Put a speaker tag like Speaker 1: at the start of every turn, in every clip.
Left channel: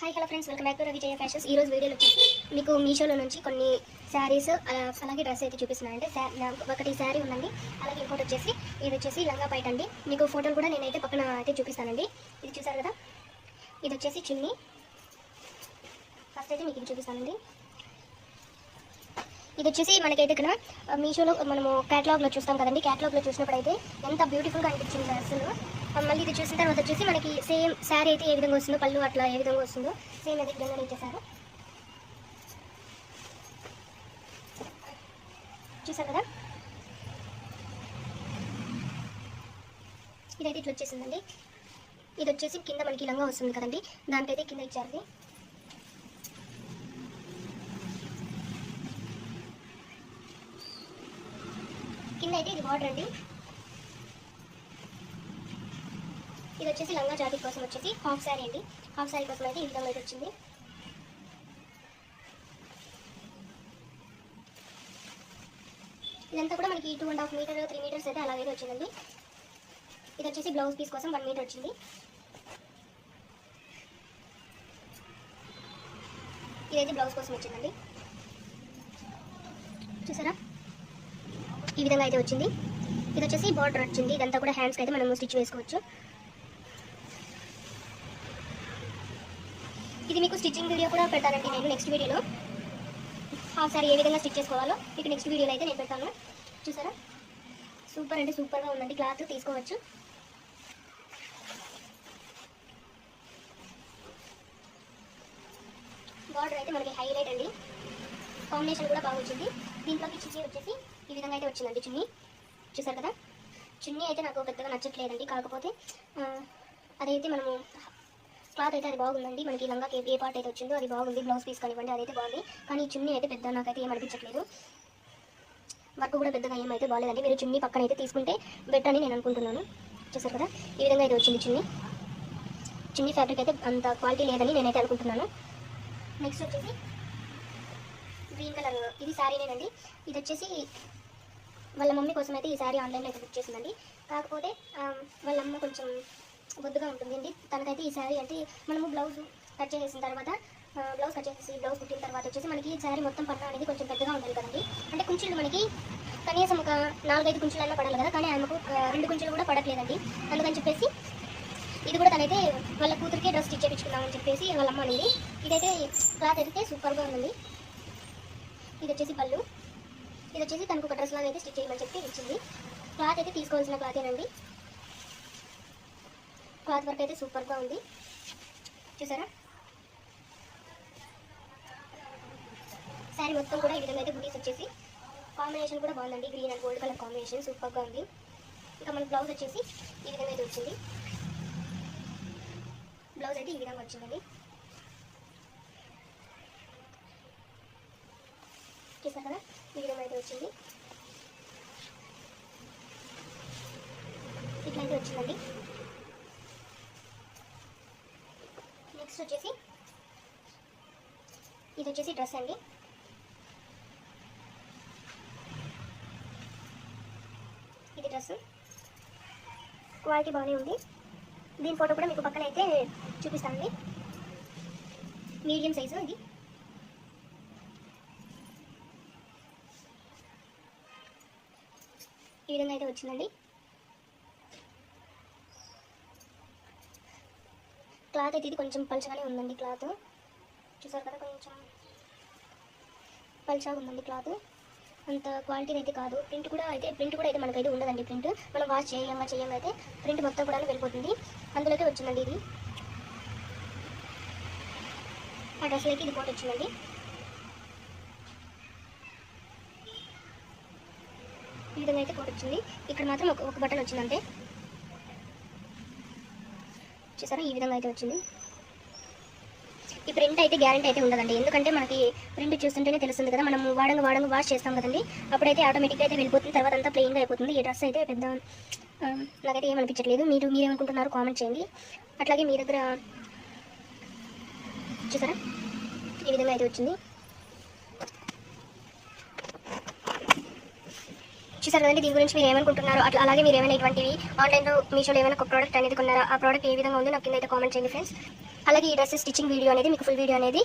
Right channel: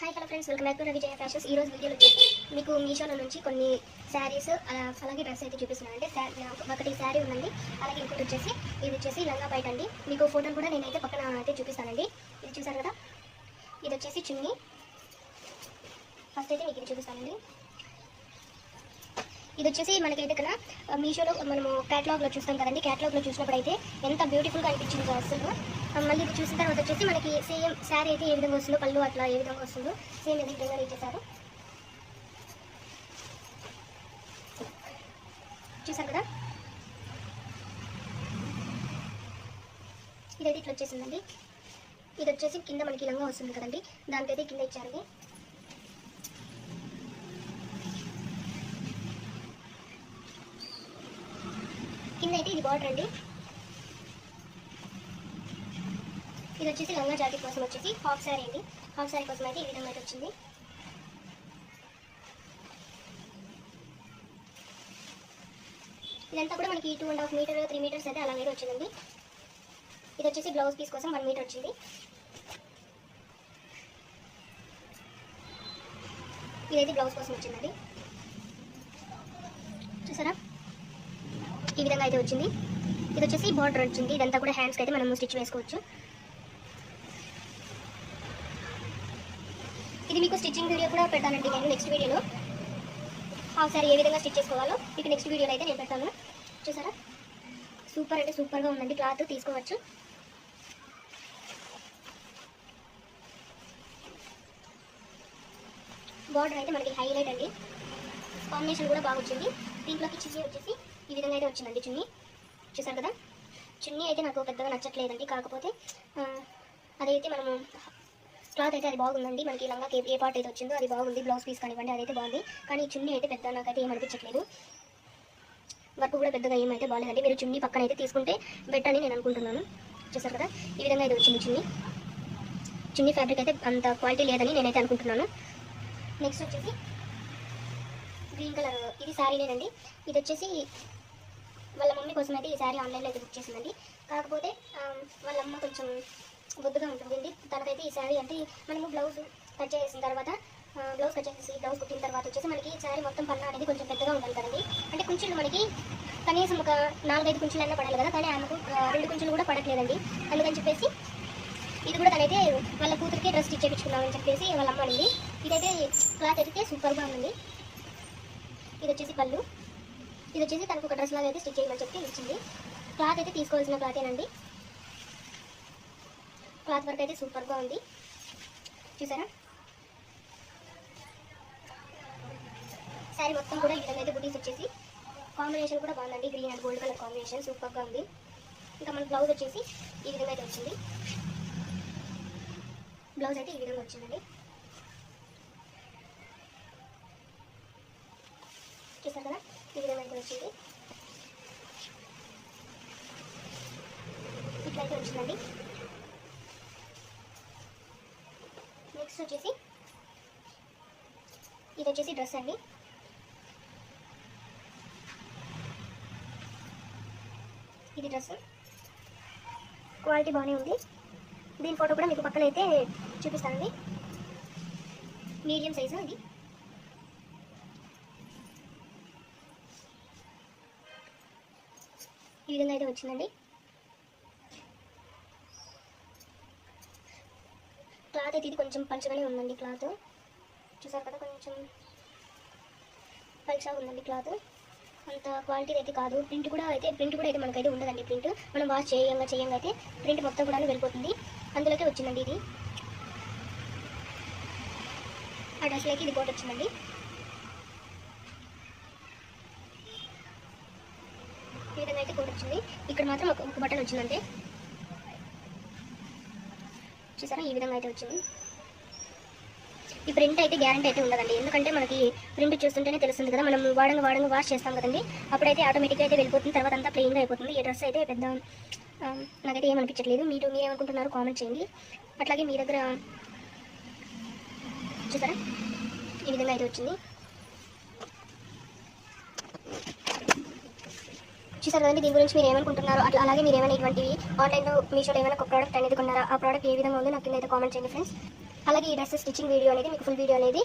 Speaker 1: Hi hello friends welcome back to Vijaya fashions ఈ రోజు వీడియోలో వచ్చేసి మీకు మీషోలో నుంచి కొన్ని శారీస్ అలాగే డ్రెస్ అయితే చూపిస్తున్నాను అంటే ఒకటి శారీ ఉందండి. అలాగే ఇంకోటి వచ్చేసి ఇది వచ్చేసి లంగా బయట అండి. మీకు ఫోటోలు కూడా నేనైతే పక్కన అయితే చూపిస్తానండి. ఇది చూసారు కదా? ఇది వచ్చేసి చున్నీ. ఫస్ట్ అయితే మీకు ఇది చూపిస్తానండి. ఇది వచ్చేసి మనకైతే ఇక్కడ మీషోలో మనము క్యాటలాగ్లో చూస్తాం కదండి. క్యాటలాగ్లో చూసినప్పుడు అయితే ఎంత బ్యూటిఫుల్గా అనిపించింది అసలు. మళ్ళీ ఇది చూసిన తర్వాత వచ్చేసి మనకి సేమ్ శారీ అయితే ఏ విధంగా వస్తుందో పళ్ళు అట్లా ఏ విధంగా వస్తుందో సేమ్ అదే విధంగా ఇచ్చేసారు చూసారు కదా? ఇదైతే ఇట్లా వచ్చేసిందండి. ఇది వచ్చేసి కింద మనకి ఇలాగా వస్తుంది కదండి. దానికైతే కింద ఇచ్చారు కింద అయితే ఇది బార్డర్ అండి. ఇది వచ్చేసి లంగా జాకెట్ కోసం వచ్చేసి హాఫ్ శారీ అండి. హాఫ్ శారీ కోసం అయితే ఈ విధంగా అయితే వచ్చింది. ఇదంతా కూడా మనకి two and half meter three meters అయితే అలాగే వచ్చిందండి. ఇది వచ్చేసి బ్లౌజ్ పీస్ కోసం వన్ మీటర్ వచ్చింది. ఇదైతే బ్లౌజ్ కోసం వచ్చిందండి. చూసారా? ఈ విధంగా అయితే వచ్చింది. ఇది వచ్చేసి బార్డర్ వచ్చింది. ఇదంతా కూడా హ్యాండ్స్కి అయితే మనం స్టిచ్ వేసుకోవచ్చు ఇది మీకు స్టిచ్చింగ్ వీడియో కూడా పెడతానండి నేను నెక్స్ట్ వీడియోలో హాఫ్ సారీ ఏ విధంగా స్టిచ్ చేసుకోవాలో ఇక నెక్స్ట్ వీడియోలో అయితే నేను పెడతాను. చూసారా? సూపర్ అంటే సూపర్గా ఉందండి. క్లాత్ తీసుకోవచ్చు. బార్డర్ అయితే మనకి హైలైట్ అండి. కాంబినేషన్ కూడా బాగా వచ్చింది. దీంట్లోకి చున్నీ వచ్చేసి ఈ విధంగా అయితే వచ్చిందండి చున్నీ. చూసారు కదా? చున్నీ అయితే నాకు పెద్దగా నచ్చట్లేదండి. కాకపోతే అదైతే మనము క్లాత్ అయితే అది బాగుందండి. మనకి లంగా ఏ పార్ట్ అయితే వచ్చిందో అది బాగుంది. బ్లౌజ్ పీస్ కానివ్వండి అదైతే బాగుంది. కానీ చున్నీ అయితే పెద్ద నాకైతే ఏమనిపించట్లేదు వర్క్ కూడా పెద్దగా ఏమైతే బాగాలేదండి మీరు చున్నీ పక్కన అయితే తీసుకుంటే బెటర్ అని నేను అనుకుంటున్నాను. చూసారు కదా? ఈ విధంగా అయితే వచ్చింది చున్నీ. చున్నీ ఫ్యాబ్రిక్ అయితే అంత క్వాలిటీ లేదని నేనైతే అనుకుంటున్నాను. నెక్స్ట్ వచ్చేసి గ్రీన్ కలర్ ఇది శారీనేనండి ఇది వచ్చేసి వాళ్ళ మమ్మీ కోసం అయితే ఈ శారీ ఆన్లైన్లో అయితే బుక్ చేసిందండి. కాకపోతే వాళ్ళ అమ్మ కొంచెం బొద్దుగా ఉంటుందండి తనకైతే ఈ శారీ అంటే మనము బ్లౌజ్ కట్ చేసిన తర్వాత బ్లౌజ్ కట్ చేసి బ్లౌజ్ కుట్టిన తర్వాత వచ్చేసి మనకి ఈ శారీ మొత్తం పన్నా అనేది కొంచెం పెద్దగా ఉండాలి కదండి. అంటే కుంచులు మనకి కనీసం ఒక నాలుగైదు కుంచులన్నా పడాలి కదా కానీ ఆమెకు రెండు కుంచులు కూడా పడట్లేదండి. అందుకని చెప్పేసి ఇది కూడా తనైతే వాళ్ళ కూతురికి డ్రెస్ స్టిచ్ చేయించుకున్నామని చెప్పేసి వాళ్ళ అమ్మ అనేది ఇదైతే క్లాత్ అయితే సూపర్గా ఉంది. ఇది వచ్చేసి పళ్ళు. ఇది వచ్చేసి తనకు ఒక డ్రెస్ లాగా అయితే స్టిచ్ చేయమని చెప్పి ఇచ్చింది. క్లాత్ అయితే తీసుకోవాల్సిన క్లాతేనండి. క్లాత్ వర్క్ అయితే సూపర్గా ఉంది. చూసారా? శారీ మొత్తం కూడా ఈ విధంగా అయితే బుటీస్ వచ్చేసి కాంబినేషన్ కూడా బాగుందండి. Green and gold colour combination సూపర్గా ఉంది. ఇంకా మన బ్లౌజ్ వచ్చేసి ఈ విధంగా అయితే వచ్చింది. బ్లౌజ్ అయితే ఈ విధంగా వచ్చిందండి. చూసారు కదా? ఈ విధంగా అయితే వచ్చింది. ఇట్లా అయితే వచ్చిందండి. నెక్స్ట్ వచ్చేసి ఇది వచ్చేసి డ్రెస్ అండి. ఇది డ్రెస్. క్వాలిటీ బాగానే ఉంది. దీని ఫోటో కూడా మీకు పక్కన అయితే చూపిస్తానండి. మీడియం సైజు ఇది. ఈ విధంగా అయితే వచ్చిందండి. క్లాత్ అయితే ఇది కొంచెం పలుచగానే ఉందండి క్లాత్. చూసారు కదా కొంచెం పలుచగా ఉందండి క్లాత్. అంత క్వాలిటీ అయితే కాదు. ప్రింట్ కూడా అయితే ప్రింట్ కూడా అయితే మనకైతే ఉండదండి ప్రింట్. మనం వాష్ చేయంగా చేయంగా అయితే ప్రింట్ మొత్తం కూడా వెళ్ళిపోతుంది. అందులోకి వచ్చిందండి ఇది. ఆ డ్రెస్లోకి ఇది కోట్ వచ్చిందండి. ఈ విధంగా అయితే కోట్ వచ్చింది. ఇక్కడ మాత్రం ఒక ఒక బటన్ వచ్చిందంటే చూసారా? ఈ విధంగా అయితే వచ్చింది. ఈ ప్రింట్ అయితే గ్యారంటీ అయితే ఉండదండి. ఎందుకంటే మనకి ప్రింట్ చూస్తుంటేనే తెలుస్తుంది కదా మనం వాడంగా వాడంగా వాష్ చేస్తాం కదండి. అప్పుడైతే ఆటోమేటిక్గా అయితే వెళ్ళిపోతుంది. తర్వాత అంతా ప్లెయిన్గా అయిపోతుంది. ఈ డ్రెస్ అయితే పెద్ద ఆ, నాకైతే ఏమనిపించట్లేదు మీరు మీరేమనుకుంటున్నారో కామెంట్ చేయండి. అట్లాగే మీ దగ్గర చూసారా? ఈ విధంగా అయితే వచ్చింది. చూసారు కదండి దీని గురించి మీరు ఏమనుకుంటున్నారు అట్లా అలాగే మీరు ఏమైనా ఇటువంటివి ఆన్లైన్లో మీషోలో ఏమైనా ఒక ప్రోడక్ట్ అనేది కొన్నారా? ఆ ప్రోడక్ట్ ఏ విధంగా ఉందో నాకు కింద అయితే కామెంట్ చేయండి ఫ్రెండ్స్ అలాగే ఈ డ్రెస్ స్టిచ్చింగ్ వీడియో అనేది మీకు ఫుల్ వీడియో అనేది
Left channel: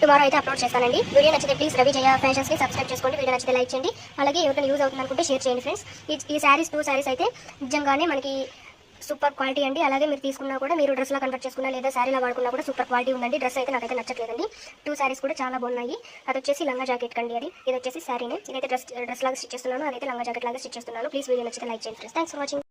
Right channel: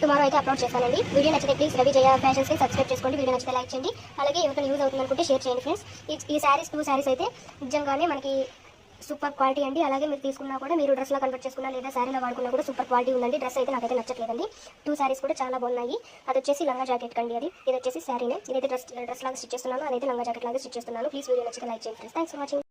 Speaker 1: టుమారో అయితే అప్లోడ్ చేస్తానండి. వీడియో నచ్చితే ప్లీజ్ రవి జయ ఫ్యాషన్స్ని సబ్స్క్రైబ్ చేసుకోండి. వీడియో నచ్చితే లైక్ చేయండి. అలాగే ఎవరికైనా యూజ్ అవుతుంది అనుకుంటే షేర్ చేయండి ఫ్రెండ్స్ ఈ ఈ శారీస్ టూ శారీస్ అయితే నిజంగానే మనకి సూపర్ క్వాలిటీ అండి. అలాగే మీరు తీసుకున్నా కూడా మీరు డ్రెస్లా కన్వర్ట్ చేసుకున్నా లేదా శారీలా వాడుకున్నా కూడా సూపర్ క్వాలిటీ ఉందండి. డ్రెస్ అయితే నాకైతే నచ్చట్లేదండి. టూ శారీస్ కూడా చాలా బాగున్నాయి. అది వచ్చేసి లంగా జాకెట్ కండి అది. ఇది వచ్చేసి శారీనే. ఇదైతే డ్రెస్ డ్రెస్ లాగా స్టిచ్ చేస్తున్నాను. అదైతే లంగా జాకెట్ లాగా స్టిచ్ చేస్తున్నాను. ప్లీజ్ వీడియో నచ్చితే లైక్ చేయండి ఫ్రెండ్స్. Thanks for watching